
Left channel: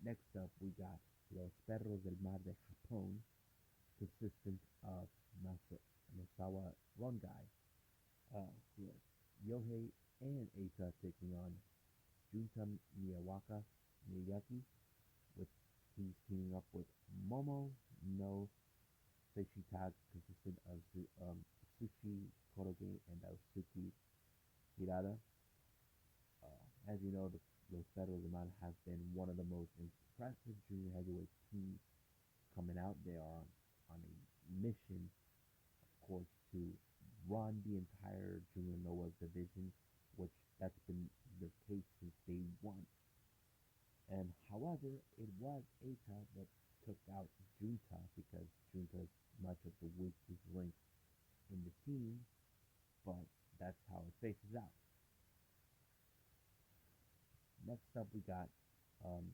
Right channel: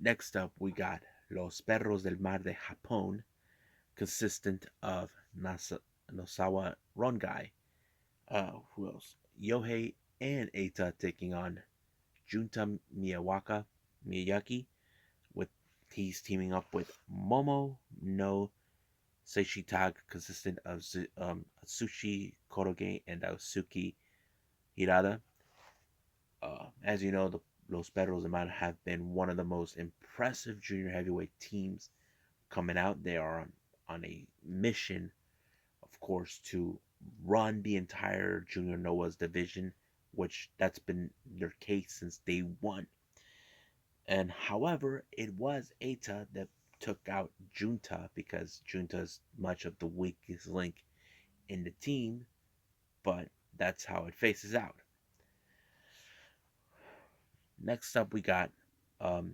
Next up, we got Los Perros del Mar de Japón, consistent of Nosawa Rongai. Who else? Yohei and Eita taking on Junta Miyaki. With he's teaming up with Momo no Seishitag, consistent of Atsushi Koroge and Aosuki Hirada. As you know, the Los Perros de Mar have been one of the most impressive junior heavyweight teams coming out. They are on a mission, of course, to run the entire Junior Noah's division, which that's been their case since day one. And however, it was Eita that took out Junta because Junta is much of the weakest link in the team, but that's how it faces out. Next up, we got um,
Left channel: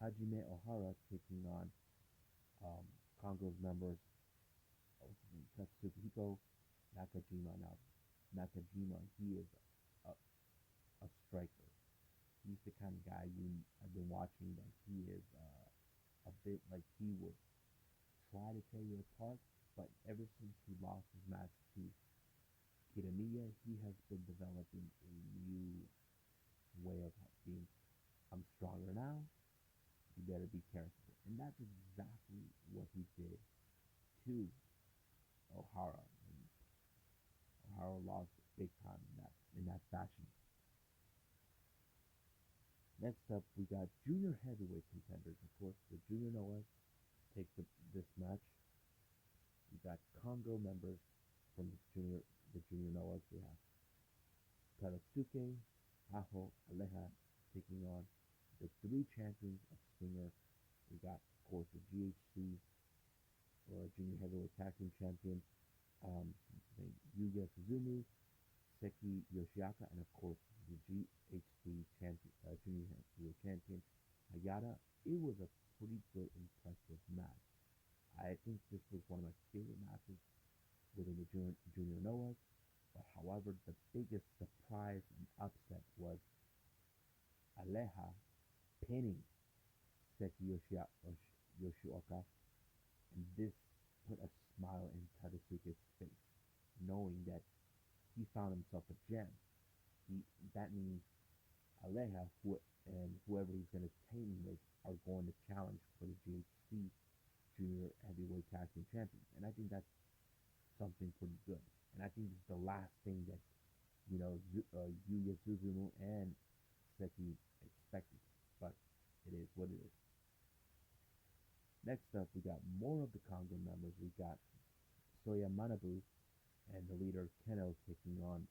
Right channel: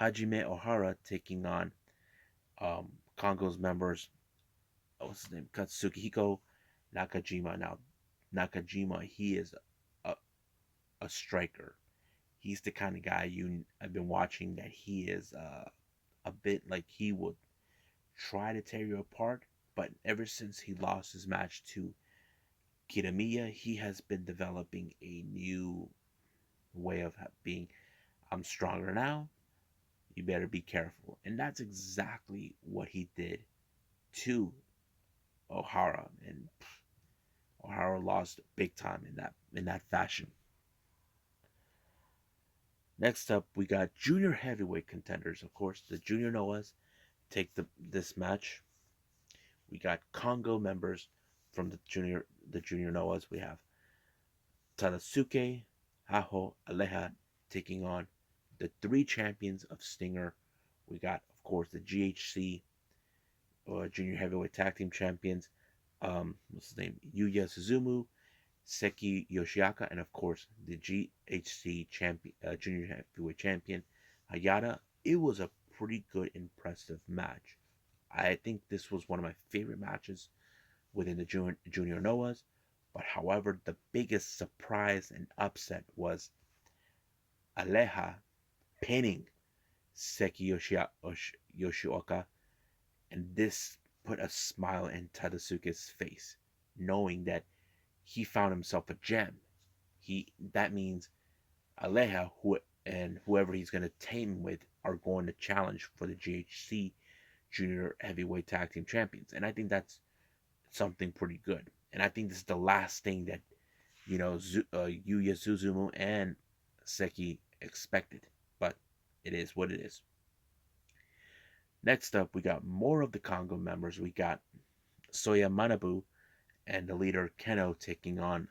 Hajime Ohara taking on Kongo's members. What's his name? Katsuhiko Nakajima. Now, Nakajima, he is a, a striker. He's the kind of guy I've been watching that he is a bit like he would try to tear you apart. But ever since he lost his match to Kitamiya, he has been developing a new way of being. I'm stronger now. You better be careful. And that's exactly what he did to O'Hara. And O'Hara lost big time in that fashion. Next up, we got junior heavyweight contenders. Of course, the Junior Noahs take this match. We got Congo members from the Junior Noahs. We have Tadasuke, Haho, Aleha taking on the three champions of Stinger. We got, of course, the GHC Junior Heavyweight Tag Team Champions. What's his name? Yuya Suzumu, Seki Yoshiaka, and of course the GHC champion, Junior Heavyweight Champion Hayata. It was a pretty good, impressive match. I think this was one of my favorite matches within the Junior Noahs. But however, the biggest surprise and upset was Aleha pinning Seki Yoshioka, and this put a smile in Tadasuke's face, knowing that he found himself a gem. That means Aleha and whoever he's going to team with are going to challenge for the GHC Junior Heavyweight Tag Team Champions, and I think that's something pretty good. And I think this is the last thing that Yuya Suzumu and Seki expected, but it is what it is. Next up, we got more of the Congo members. We got Soya Manabu and the leader Keno taking on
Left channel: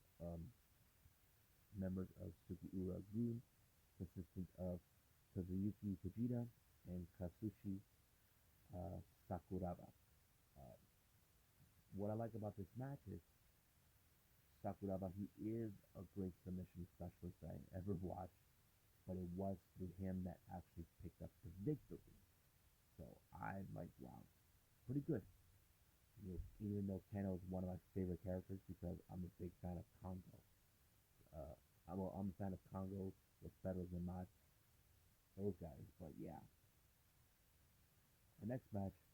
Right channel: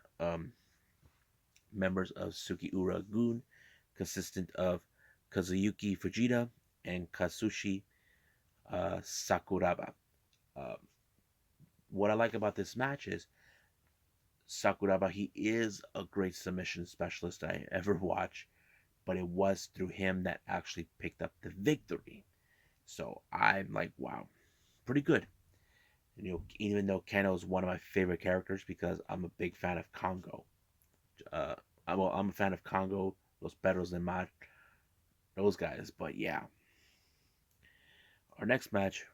members of Sukiura Gun, consistent of Kazuyuki Fujita and Katsushi Sakuraba. Uh, what I like about this match is Sakuraba, he is a great submission specialist I ever watched, but it was through him that actually picked up the victory. So I'm like, wow, pretty good. Even though Kano is one of my favorite characters because I'm a big fan of Congo. I'm a fan of Congo, Los Perros and Mar, those guys. But yeah, our next match,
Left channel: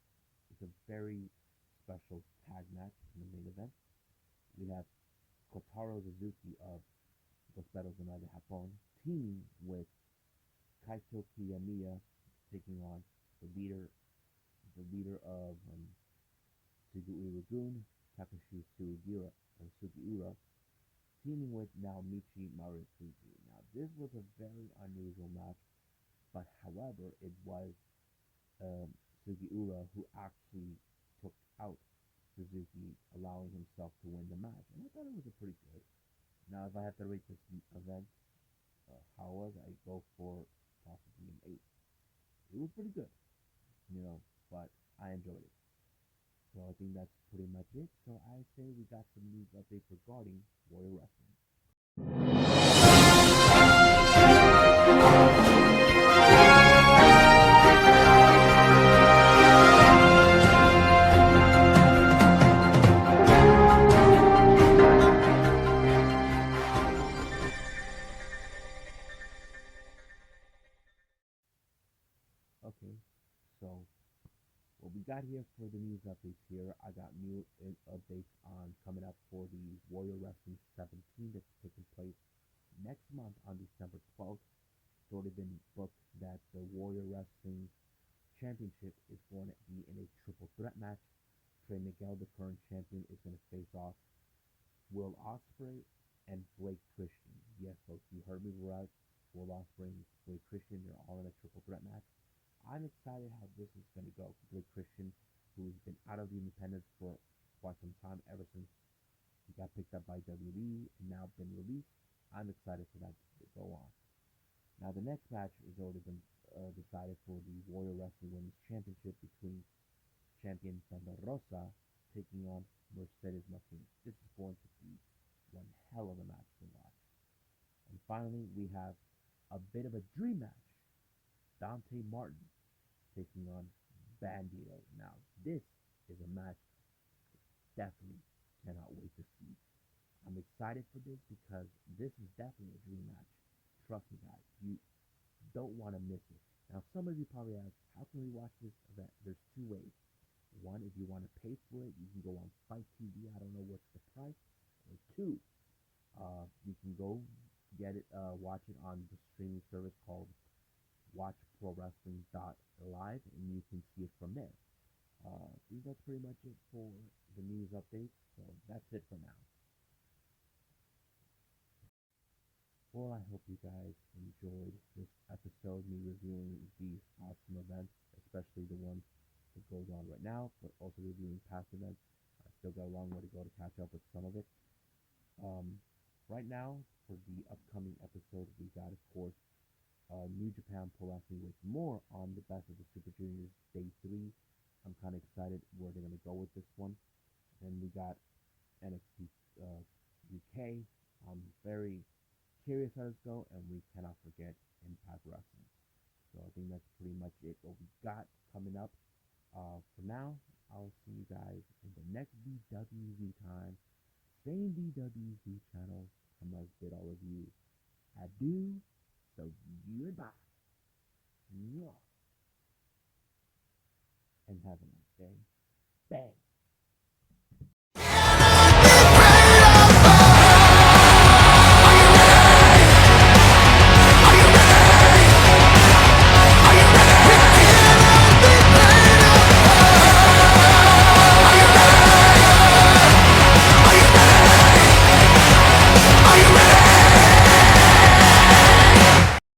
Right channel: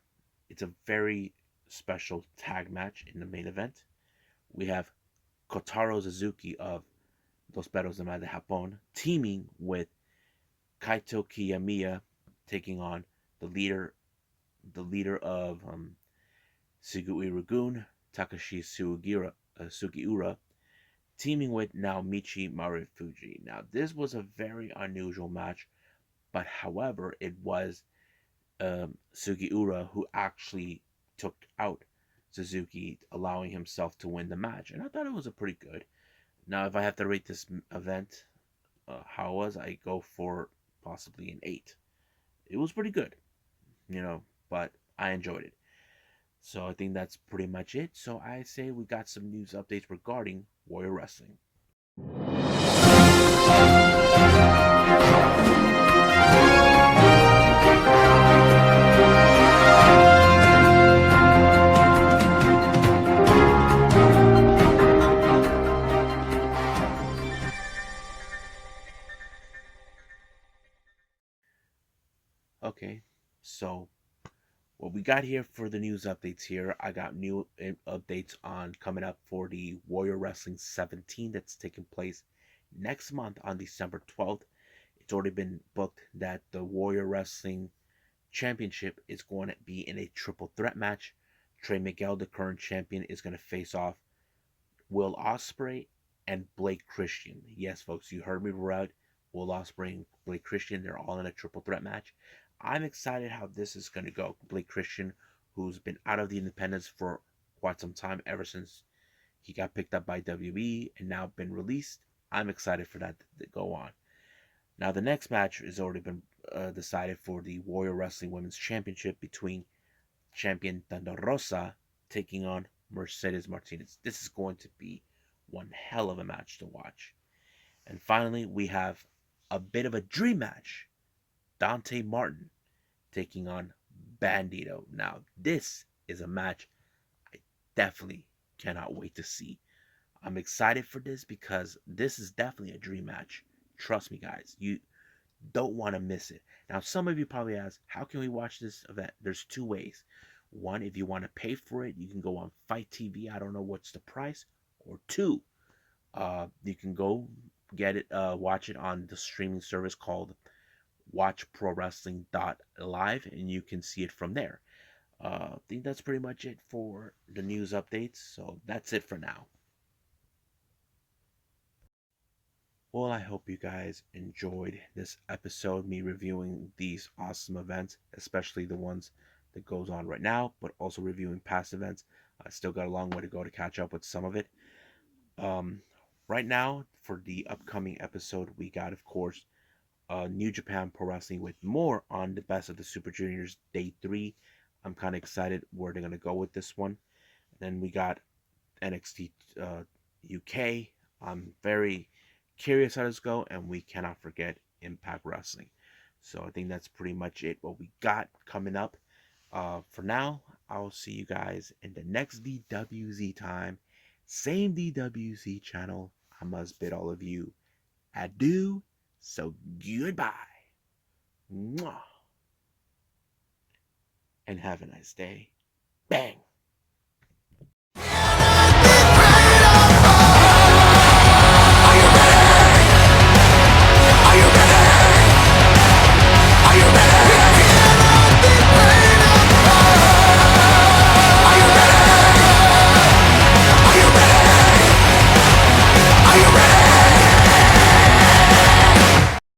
it's a very special tag match in the main event. We have Kotaro Suzuki of Los Perros de Mar de Japón teaming with Kaito Kiyomiya, taking on the leader of Sugiura Gun, Takashi Sugiura, teaming with Naomichi Marufuji. Now, this was a very unusual match, but however, it was Sugiura, who actually took out Suzuki, allowing himself to win the match. And I thought it was a pretty good. Now, if I have to rate this event, how it was, I go for possibly an 8. It was pretty good, but I enjoyed it. So I think that's pretty much it. So I say we got some news updates regarding Warrior Wrestling. Okay, so what we got here for the news updates here, I got new updates on coming up for the Warrior Wrestling 17 that's taking place next month on December 12th. It's already been booked that the Warrior Wrestling Championship is going to be in a triple threat match. Trey Miguel, the current champion, is going to face off Will Ospreay and Blake Christian. Yes, folks, you heard me right. Will Ospreay and Blake Christian, they're all in a triple threat match. I'm excited how this is going to go. Blake Christian, who's been out of the independents for quite some time, ever since he got picked up by WWE and now been released. I'm excited for that to go on. Now, the next match has already been decided for the Warrior Wrestling Women's Championship between champion Thunder Rosa taking on Mercedes Martinez. This is going to be one hell of a match to watch. And finally, we have a bit of a dream match. Dante Martin taking on Bandito. Now, this is a match I definitely cannot wait to see. I'm excited for this because this is definitely a dream match. Trust me, guys. You don't want to miss it. Now, some of you probably ask, how can we watch this event? There's two ways. One, if you want to pay for it, you can go on Fight TV. I don't know what's the price. Or two, you can go get it, watch it on the streaming service called watchprowrestling.live, and you can see it from there. I think that's pretty much it for the news updates. So that's it for now. Well, I hope you guys enjoyed this episode, me reviewing these awesome events, especially the ones that goes on right now, but also reviewing past events. I still got a long way to go to catch up with some of it. Um, right now, for the upcoming episode, we got, of course, New Japan Pro Wrestling with more on the Best of the Super Juniors Day 3. I'm kind of excited where they're going to go with this one. Then we got NXT UK. I'm very curious how this go, and we cannot forget Impact Wrestling. So I think that's pretty much it. What we got coming up. For now, I'll see you guys in the next DWZ time. Same DWZ channel. I must bid all of you adieu. So goodbye. Mwah. And have a nice day. Bang.